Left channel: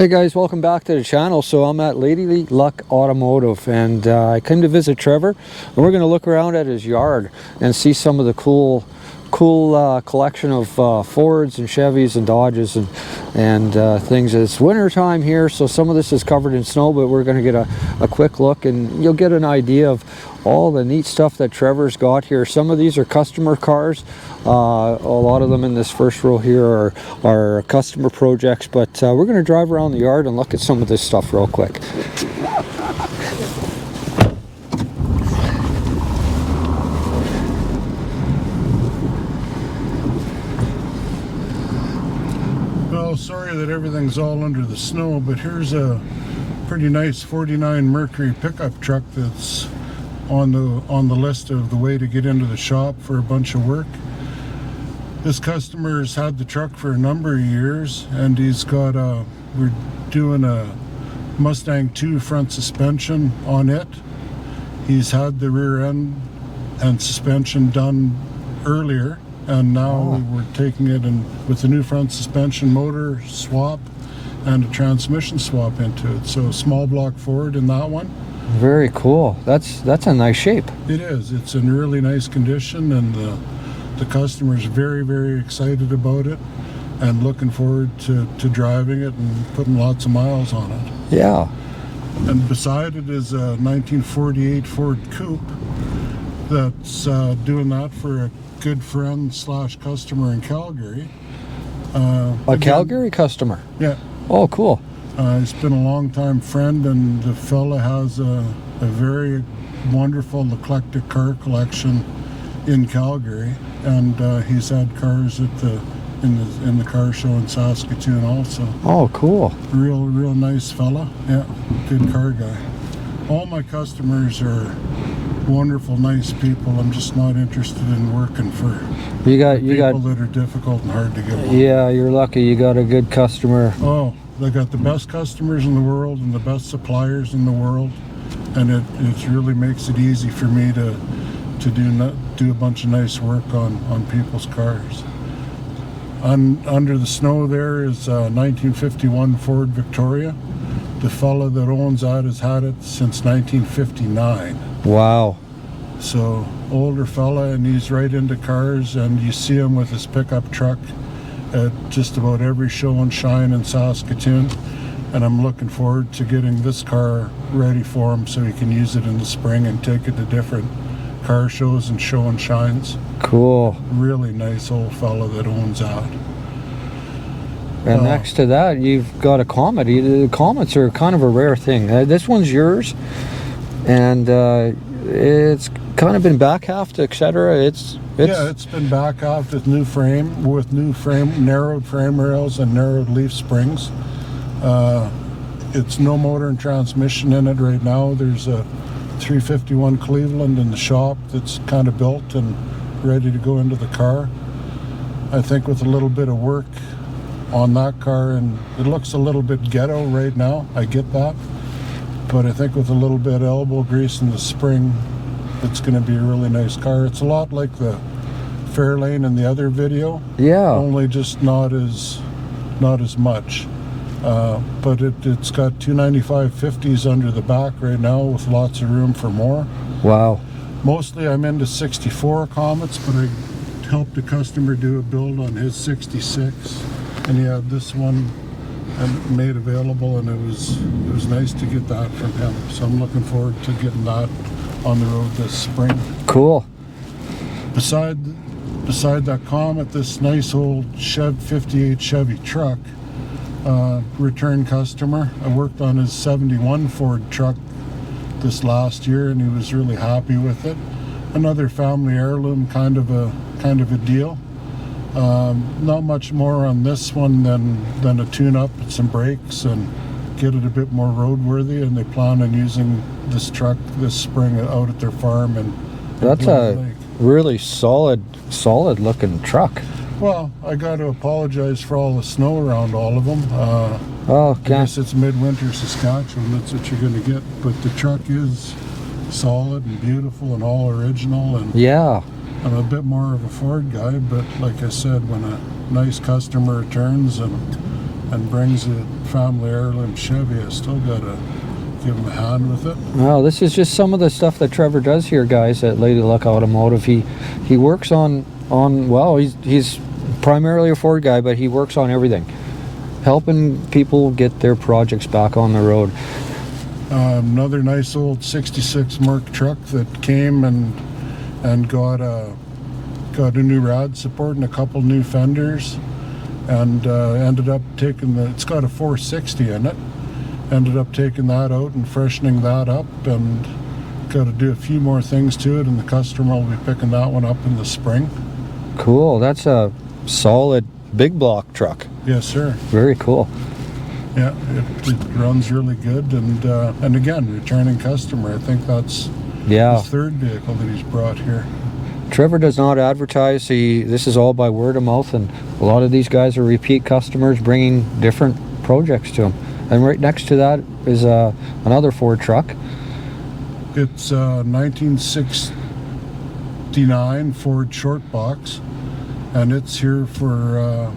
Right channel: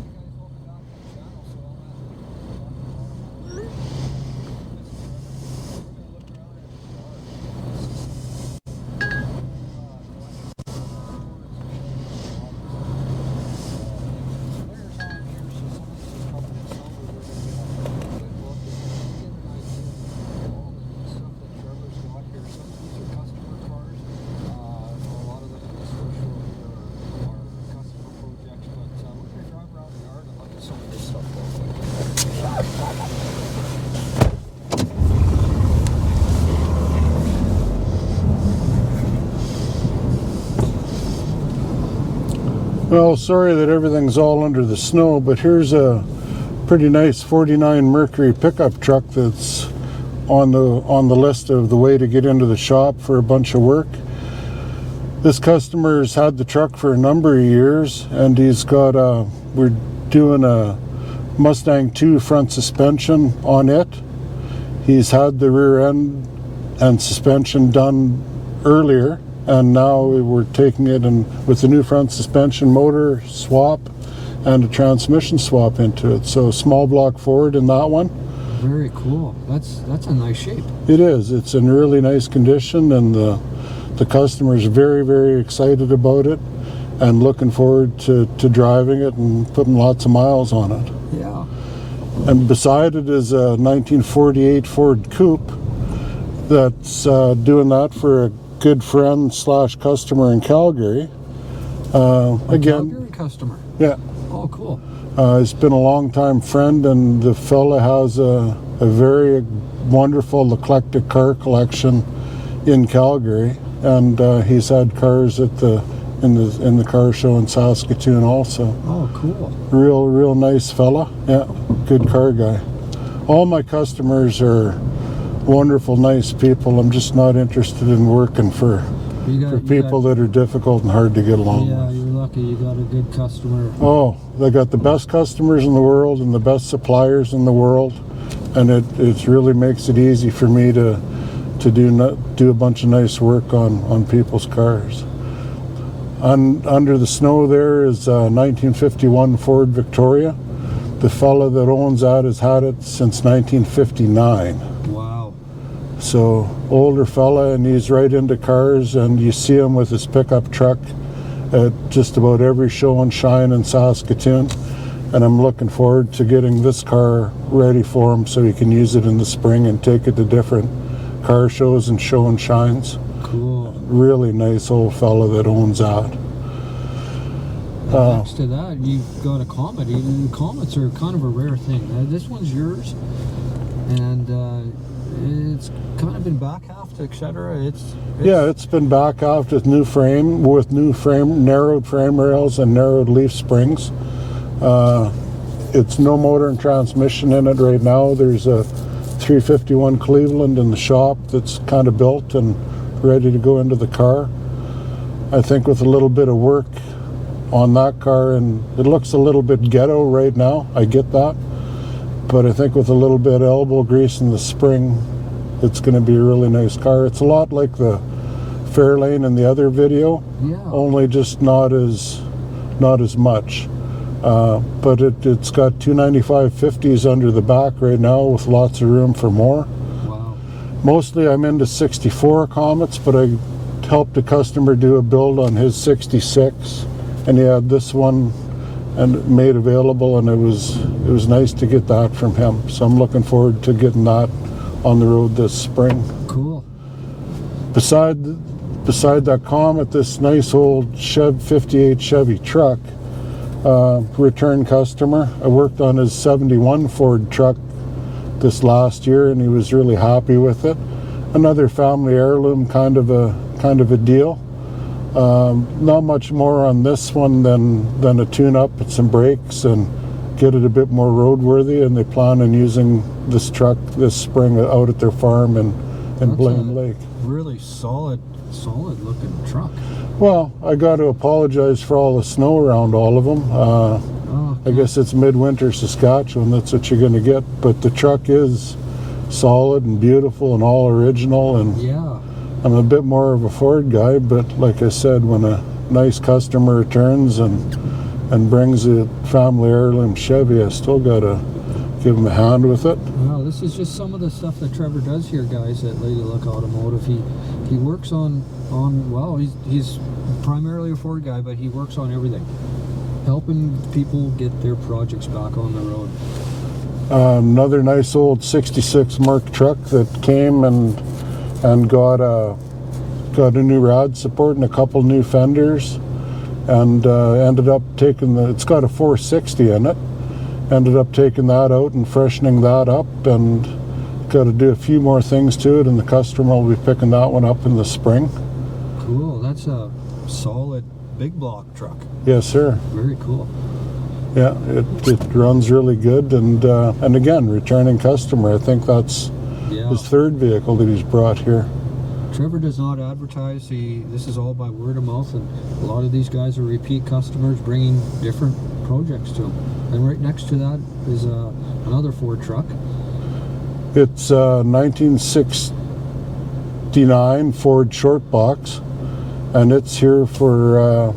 Hey guys, welcome back to the channel. So I'm at Lady Luck Automotive, and I came to visit Trevor, and we're going to look around at his yard and see some of the cool collection of Fords and Chevys and Dodges and things. It's winter time here, so some of this is covered in snow, but we're going to get a quick look and you'll get an idea of all the neat stuff that Trevor's got here. Some of these are customer cars. A lot of them in this first row here are customer projects, but we're going to drive around the yard and look at some of this stuff real quick. Well, sorry that everything's all under the snow, but here's a pretty nice 49 Mercury pickup truck that's on the list of the way to get into the shop for a bunch of work. This customer's had the truck for a number of years, and he's got we're doing a Mustang 2 front suspension on it. He's had the rear end and suspension done earlier, and now we're taking it and with the new front suspension motor swap and a transmission swap into it. So small block Ford in that one. Very cool. That's a nice shape. It is. It's in really nice condition, and the customer's very, very excited about it and looking forward to driving it and putting lots of miles on it. Yeah. And beside it is a 1948 Ford Coupe that's doing that for a good friend slash customer in Calgary. A Calgary customer? Yeah. Oh, cool. He's been a long-time friend, and the fella has a very wonderful eclectic car collection in Calgary, and he's had cars at in the car show in Saskatoon also. Oh, cool. Real nice fella. Yeah, good car guy. All my customers are wonderful, nice people. I'm just not interested in working for people that are difficult and hard to get along. Yeah, you're lucky. You got a good customer. Oh, they got the best customers in the world and the best suppliers in the world, and it really makes it easy for me to do a bunch of nice work on people's cars. Under the snow there is a 1951 Ford Victoria. The fella that owns that has had it since 1959. Wow. So older fella, and he's right into cars, and you see him with his pickup truck at just about every show and shine in Saskatoon, and I'm looking forward to getting this car ready for him so he can use it in the spring and take it to different car shows and show and shines. Cool. Really nice old fella that owns that. And next to that, you've got a Comet. The Comets are kind of a rare thing. This one's yours, and it's kind of been back halved, etc. It's been back halved with new frame, narrowed frame rails and narrowed leaf springs. It's no motor and transmission in it right now. There's a 351 Cleveland in the shop that's kind of built and ready to go into the car. I think with a little bit of work on that car, and it looks a little bit ghetto right now, I get that, but I think with a little bit of elbow grease in the spring, it's going to be a really nice car. It's a lot like the Fairlane in the other video. Yeah. Only just not as much. But it's got 295 50s under the back right now with lots of room for more. Wow. Mostly I'm into 64 Comets, but I helped a customer do a build on his 66, and he had this one and made available, and it was nice to get that from him. So I'm looking forward to getting that on the road this spring. Cool. Beside that Comet, this nice old 58 Chevy truck, return customer. I worked on his 71 Ford truck this last year, and he was really happy with it. Another family heirloom kind of a deal. Not much more on this one than a tune-up and some brakes and get it a bit more roadworthy, and they plan on using this truck this spring out at their farm in That's Blend a Lake. really solid looking truck. Well, I got to apologize for all the snow around all of them. I guess it's midwinter Saskatchewan, that's what you're going to get, but the truck is solid and beautiful and all original, and yeah, I'm a bit more of a Ford guy, but like I said, when a nice customer returns and and brings a family heirloom Chevy. I still gotta give him a hand with it. Well, this is just some of the stuff that Trevor does here, guys, at Lady Luck Automotive. He works on well, he's primarily a Ford guy, but he works on everything, helping people get their projects back on the road. Another nice old 66 Merc truck that came and got a new rad support and a couple new fenders, and ended up taking it's got a 460 in it. Ended up taking that out and freshening that up, and got to do a few more things to it, and the customer will be picking that one up in the spring. Cool. That's a solid big block truck. Yes, sir. Very cool. Yeah, it runs really good, and again, returning customer. I think that's his third vehicle that he's brought here. Trevor does not advertise. This is all by word of mouth, and a lot of these guys are repeat customers bringing different projects to him. And right next to that is another Ford truck. It's a 1969 Ford short box, and it's here for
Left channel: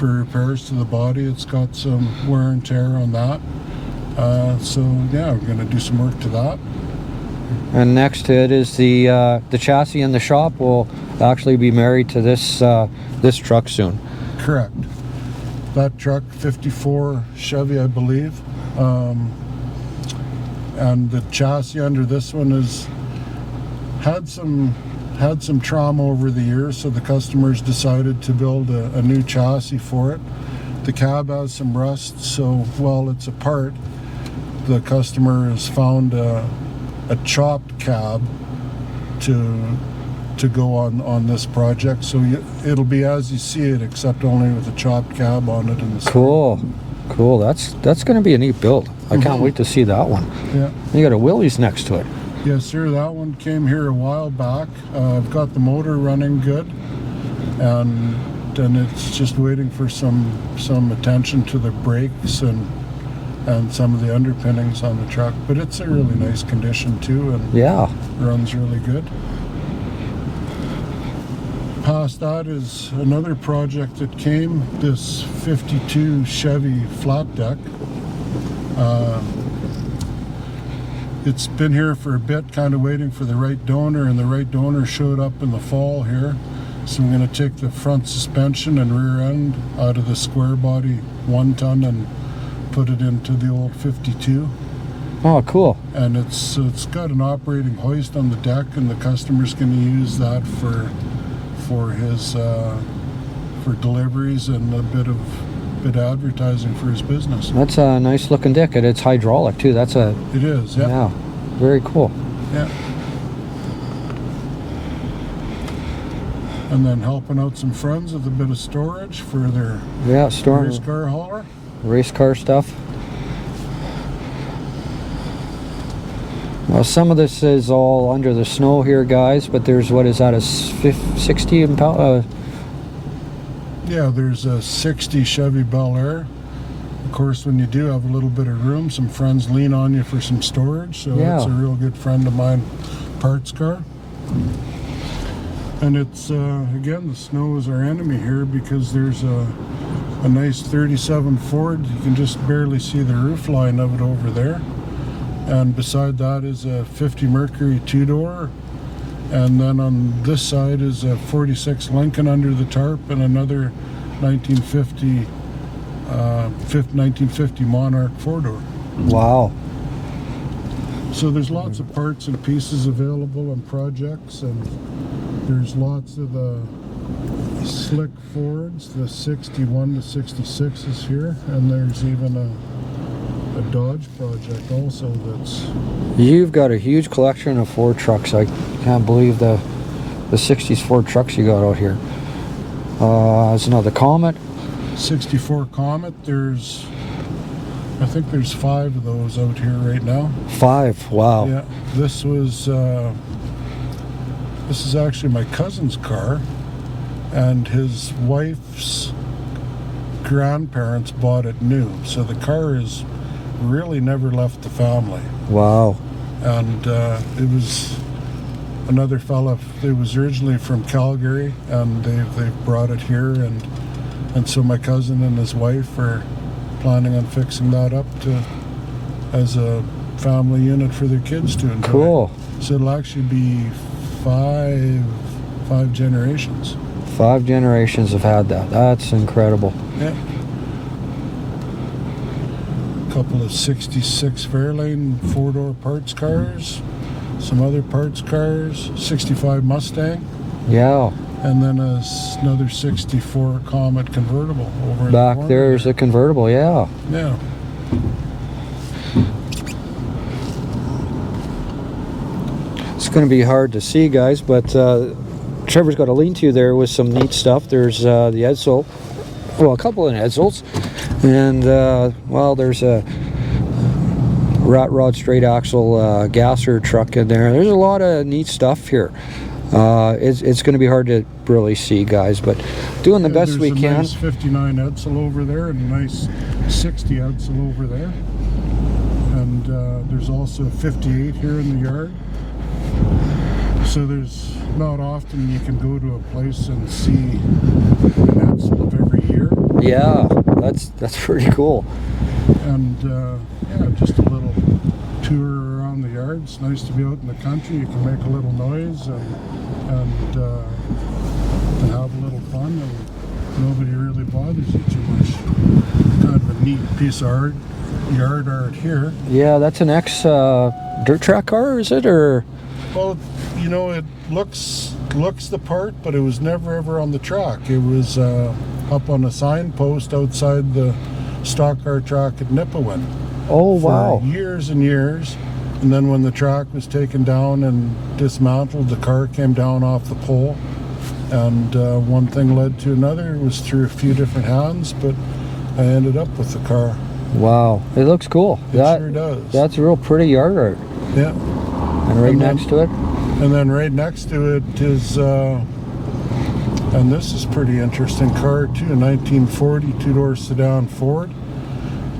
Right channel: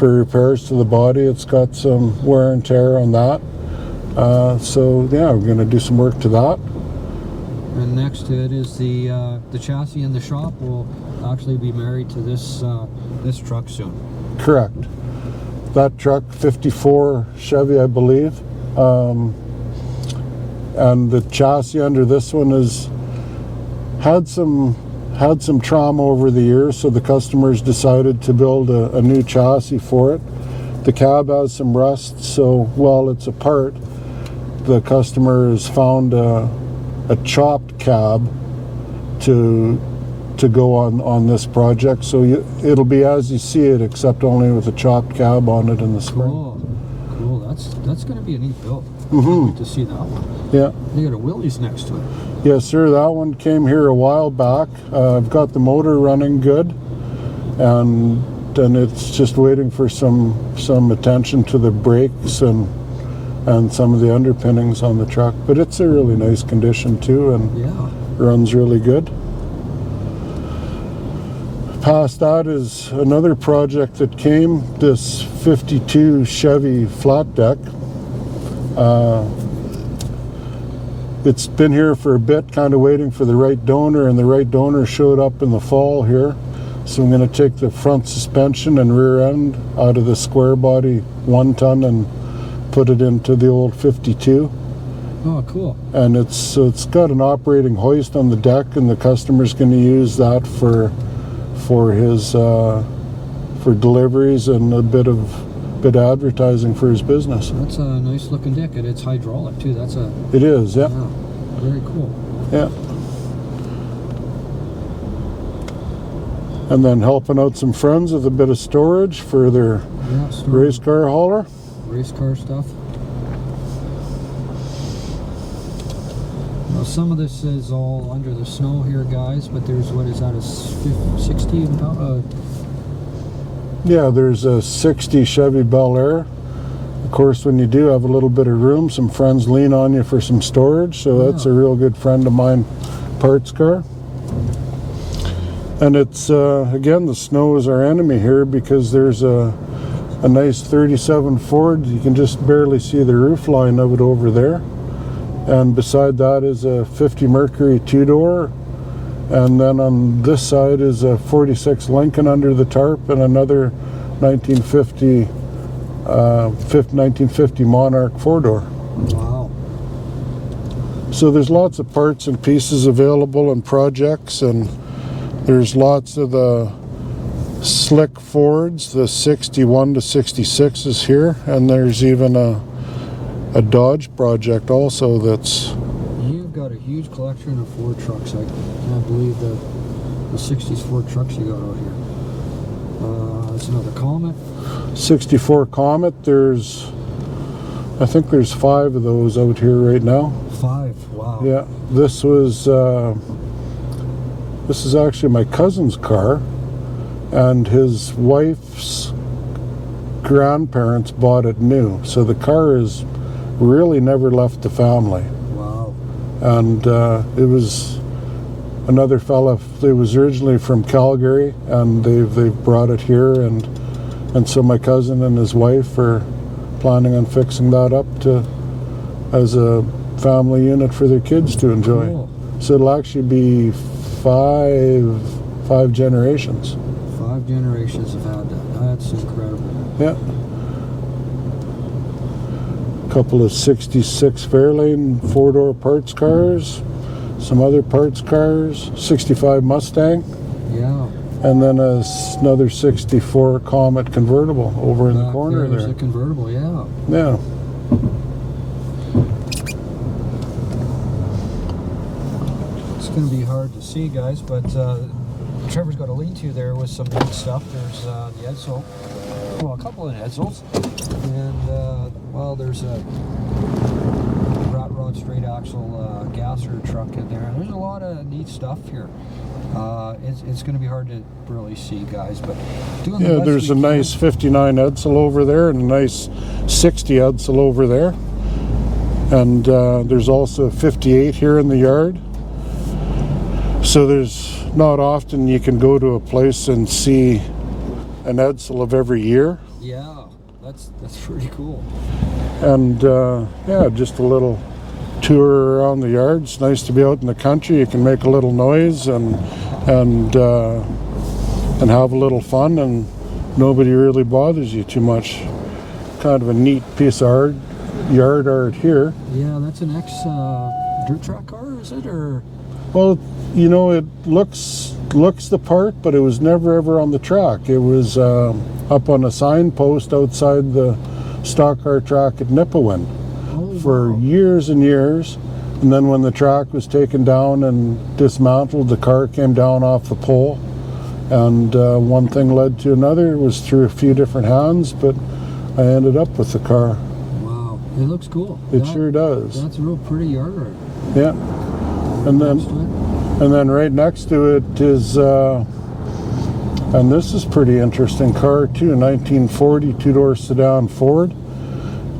repairs to the body. It's got some wear and tear on that. So yeah, we're going to do some work to that. And next to it is the chassis in the shop will actually be married to this truck soon. Correct. That truck, 54 Chevy, I believe. And the chassis under this one has had some trauma over the years, so the customers decided to build a new chassis for it. The cab has some rust, so while it's apart, the customer has found a chopped cab to go on this project, so it'll be as you see it, except only with a chopped cab on it in the Cool. That's going to be a neat build. I can't wait to see that one. Yeah. You got a Willys next to it. Yes, sir. That one came here a while back. I've got the motor running good, and it's just waiting for some attention to the brakes and some of the underpinnings on the truck. But it's a really nice condition too, and runs really good. Past that is another project that came, this 52 Chevy flat deck. It's been here for a bit, kind of waiting for the right donor, and the right donor showed up in the fall here. So I'm going to take the front suspension and rear end out of the square body 1 ton and put it into the old 52. Oh, cool. And it's got an operating hoist on the deck, and the customer's going to use that for his for deliveries and a bit of advertising for his business. That's a nice looking deck, and it's hydraulic too. It is, yeah. Yeah, very cool. Yeah. And then helping out some friends with a bit of storage for their race car hauler. Race car stuff. Well, some of this is all under the snow here, guys, but there's, what is that, a 60 impound? Yeah, there's a 60 Chevy Bel Air. Of course, when you do have a little bit of room, some friends lean on you for some storage, so that's a real good friend of mine parts car. And it's, again, the snow is our enemy here, because there's a nice 37 Ford. You can just barely see the roof line of it over there. And beside that is a 50 Mercury 2-door. And then on this side is a 46 Lincoln under the tarp, and another 1950 Monarch 4-door. Wow. So there's lots of parts and pieces available and projects, and there's lots of the slick Fords, the 61 to 66s here, and there's even a Dodge project also that's... You've got a huge collection of Ford trucks. I can't believe the 60s Ford trucks you got out here. There's another Comet. 64 Comet. I think there's 5 of those out here right now. 5, wow. Yeah, this is actually my cousin's car, and his wife's grandparents bought it new. So the car has really never left the family. Wow. And it was another fella. It was originally from Calgary, and they've brought it here, and so my cousin and his wife are planning on fixing that up to as a family unit for their kids to enjoy. Cool. So it'll actually be five generations. 5 generations have had that. That's incredible. Yeah. Couple of 66 Fairlane 4-door parts cars, some other parts cars, 65 Mustang, Yeah. and then another 64 Comet convertible over in the Back corner there's there. a convertible, yeah. Yeah. It's going to be hard to see, guys, but Trevor's got a lean-to there with some neat stuff. There's the Edsel, well, a couple of Edsels, and well, there's a rat rod straight axle gasser truck in there. There's a lot of neat stuff here. It's going to be hard to really see, guys, but doing the best we can. There's a nice 59 Edsel over there and a nice 60 Edsel over there. And there's also a 58 here in the yard. So there's not often you can go to a place and see an Edsel of every year. Yeah, that's pretty cool. And yeah, just a little tour around the yard. It's nice to be out in the country. You can make a little noise and have a little fun, and nobody really bothers you too much. Kind of a neat piece of art, yard art here. Yeah, that's an ex dirt track car, is it, or? Well, you know, it looks the part, but it was never ever on the track. It was up on a signpost outside the stock car track at Nipawin. Oh, wow. For years and years. And then when the track was taken down and dismantled, the car came down off the pole. And one thing led to another. It was through a few different hands, but I ended up with the car. Wow, it looks cool. It sure does. That's a real pretty yard art. Yeah. And right next to it? And then right next to it is, and this is pretty interesting car too, 1940 two-door sedan Ford.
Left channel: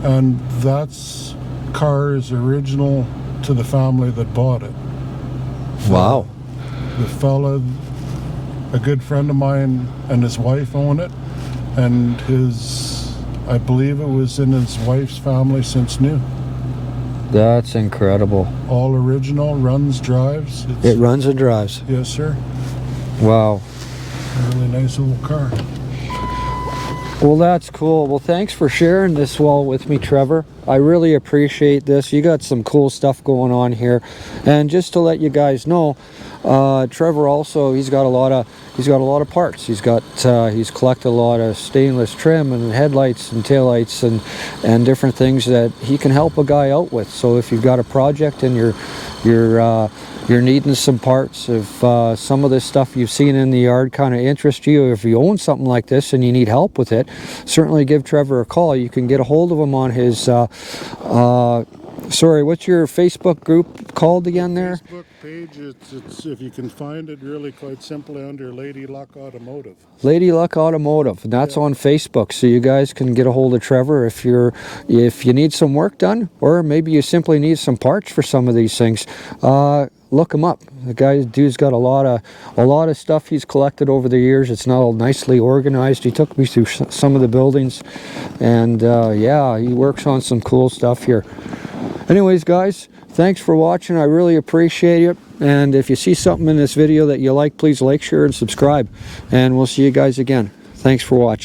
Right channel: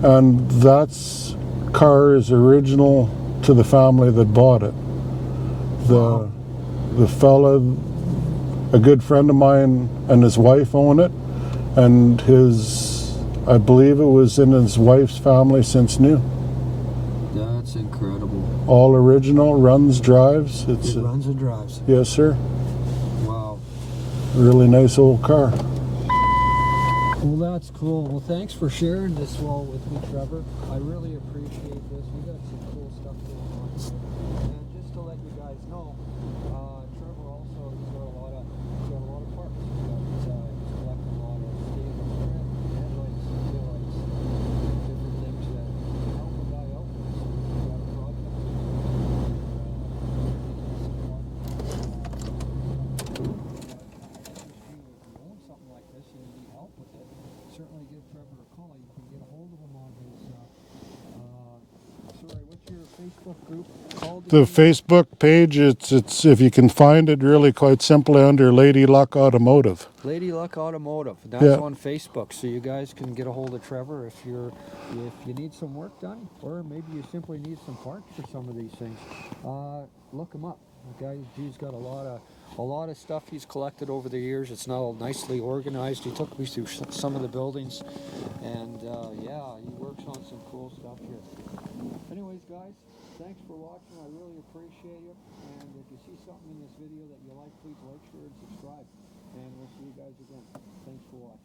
And that's car is original to the family that bought it. Wow. The fella, a good friend of mine, and his wife own it, and I believe it was in his wife's family since new. That's incredible. All original, runs, drives. It runs and drives. Yes, sir. Wow. Really nice old car. Well, that's cool. Well, thanks for sharing this wall with me, Trevor. I really appreciate this. You got some cool stuff going on here. And just to let you guys know, Trevor also, he's got a lot of parts. He's collected a lot of stainless trim and headlights and taillights and different things that he can help a guy out with. So if you've got a project and you're needing some parts, if some of this stuff you've seen in the yard kind of interests you, if you own something like this and you need help with it, certainly give Trevor a call. You can get a hold of him on his sorry, what's your Facebook group called again? The Facebook page, it's if you can find it, really quite simply under Lady Luck Automotive. Lady Luck Automotive, and that's on Facebook. So you guys can get a hold of Trevor if you need some work done, or maybe you simply need some parts for some of these things. Look him up. The dude's got a lot of stuff he's collected over the years. It's not all nicely organized. He took me through some of the buildings, and yeah, he works on some cool stuff here. Anyways, guys, thanks for watching. I really appreciate it. And if you see something in this video that you like, please like, share, and subscribe. And we'll see you guys again. Thanks for watching.